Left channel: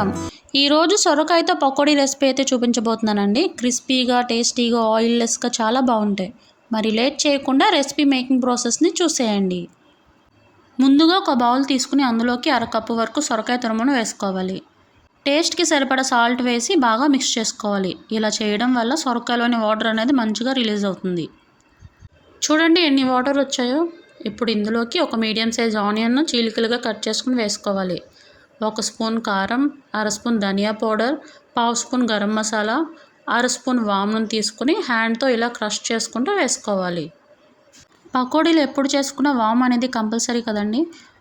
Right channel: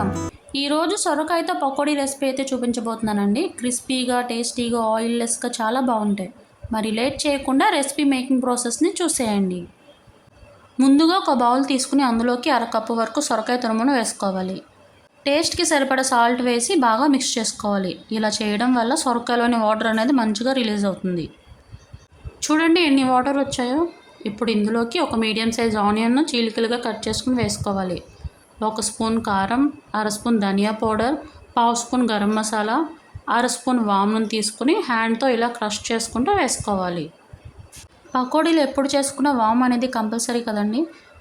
నమస్కారం. ఈరోజు సొరకాయతో పకోడీ రెసిపీ అయితే చూపించబోతున్నానండి. క్రిస్పీగా, టేస్టీగా, ఆయిల్లెస్‌గా చాలా బాగుంటాయి. మరి లేట్ చేయకుండా రెసిపీ మేకింగ్ ప్రాసెస్‌ని చూసేయండి. ముందుగా ఒక బౌల్ తీసుకుని అందులోకి అరకప్పు వరకు సొరకాయ తురుమును వేసుకోవాలి. టేస్ట్‌కి సరిపడా సాల్ట్ వేసి బాగా మిక్స్ చేసుకోవాలి. ఇలా చేయడం వల్ల సొరకాయలోని వాటర్ అనేది మంచిగా రిలీజ్ అవుతుంది. చూడండి ఎన్ని వాటర్ వచ్చాయో. ఇప్పుడు ఇందులోకి ఒక మీడియం సైజ్ ఆనియన్ను చీలికలుగా కట్ చేసుకుని వేసుకోవాలి. 1 స్పూన్ కారం, అర స్పూన్ ధనియా పౌడర్, పావు స్పూన్ గరం మసాలా, అర స్పూన్ వామును తీసుకుని హ్యాండ్తో ఇలా క్రష్ చేసుకుంటూ వేసుకోవాలి. పకోడీలు ఎప్పుడు చేసుకున్న వామ్ అనేది కంపల్సరీ కదండి.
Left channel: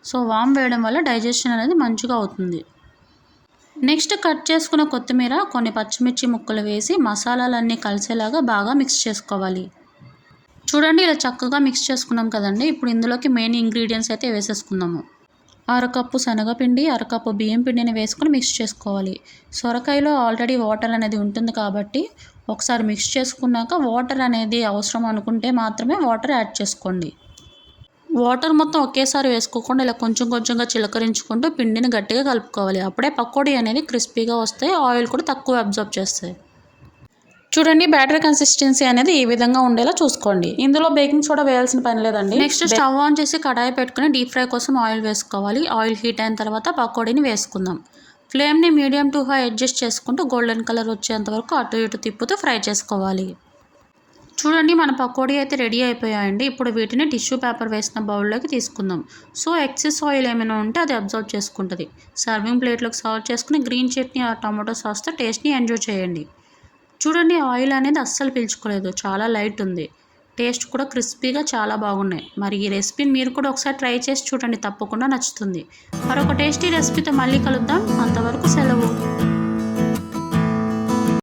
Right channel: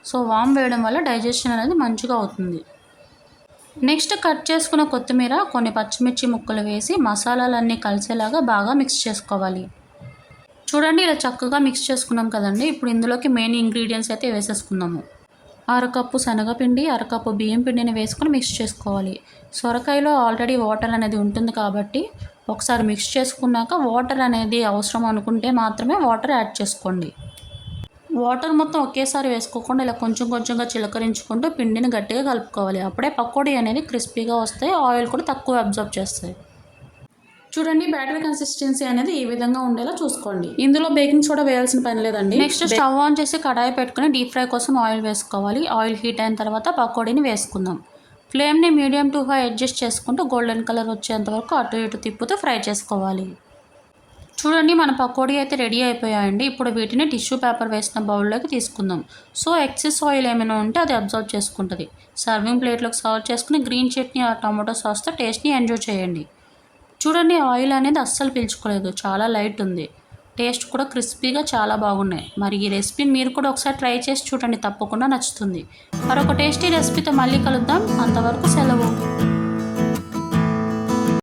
సో వామ్ వేయడం వల్ల డైజెషన్ అనేది మంచిగా అవుతుంది. నెక్స్ట్ కట్ చేసుకున్న కొత్తిమీర, కొన్ని పచ్చిమిర్చి ముక్కలు వేసి మసాలాలన్నీ కలిసేలాగా బాగా మిక్స్ చేసుకోవాలి. చూడండి ఇలా చక్కగా మిక్స్ చేసుకున్నాం కదండి. ఇప్పుడు ఇందులోకి మెయిన్ ఇంగ్రీడియంట్స్ అయితే వేసేసుకుందాము. అరకప్పు శనగపిండి, అరకప్పు బియ్యం పిండిని వేసుకొని మిక్స్ చేసుకోవాలి. సొరకాయలో ఆల్రెడీ వాటర్ అనేది ఉంటుంది కాబట్టి ఒకసారి మిక్స్ చేసుకున్నాక వాటర్ అనేది అవసరం అనుకుంటే మాత్రమే వాటర్ యాడ్ చేసుకోండి. వాటర్ మొత్తం ఒకేసారి వేసుకోకుండా ఇలా కొంచెం కొంచెంగా చిలకరించుకుంటూ పిండిని గట్టిగా కలుపుకోవాలి. అప్పుడే పకోడీ అనేది క్రిస్పీగా వస్తాయి, ఆయిల్ కూడా తక్కువ అబ్జర్వ్ చేస్తాయి. చూడండి బ్యాటర్ కన్సిస్టెన్సీ అనేది ఈ విధంగా ఉండేలా చూసుకోండి. ఇందులో బేకింగ్ సోడా వేయాల్సిన పని లేదండి. నెక్స్ట్ స్టవ్ ఆన్ చేసి కడాయి పెట్టుకుని డీప్ ఫ్రై కోసం ఆయిల్ వేసుకోవాలి. ఆయిల్ హీట్ అయిన తర్వాత పకోడీని వేసుకుందాం. ఫ్లేమ్ని మీడియం టు హై అడ్జస్ట్ చేసుకుంటూ గోల్డెన్ కలర్ వచ్చేంత వరకు అటు ఇటు తిప్పుతూ ఫ్రై చేసుకోవాలి. చూడండి మన పకోడీ అయితే రెడీ అయిపోయాయండి. ఇప్పుడు వీటిని టిష్యూ పేపర్ వేసిన బౌల్లోకి తీసుకుందాం. సో ఎక్సెస్ ఆయిల్ ఏమైనా ఉంటే అది అబ్జర్వ్ చేసుకుంటుంది. సర్వింగ్ ప్లేట్లోకి సర్వ్ చేసుకుని గ్రీన్ చట్నీ ఆ టమాటో సాస్తో టేస్ట్ని ఎంజాయ్ చేయండి. చూడండి ఆయిల్ అనేది అస్సలు పీల్చుకోలేదు, చాలా లైట్ ఉంది. టేస్ట్ కూడా క్రిస్పీగా చాలా బాగున్నాయి. మరి ఈ రెసిపీని మీరు కూడా ఒకసారి ట్రై చేసి చూడండి, తప్పకుండా నచ్చుతుంది. మరొక టేస్టీ రెసిపీతో మళ్ళీ కలుద్దాం.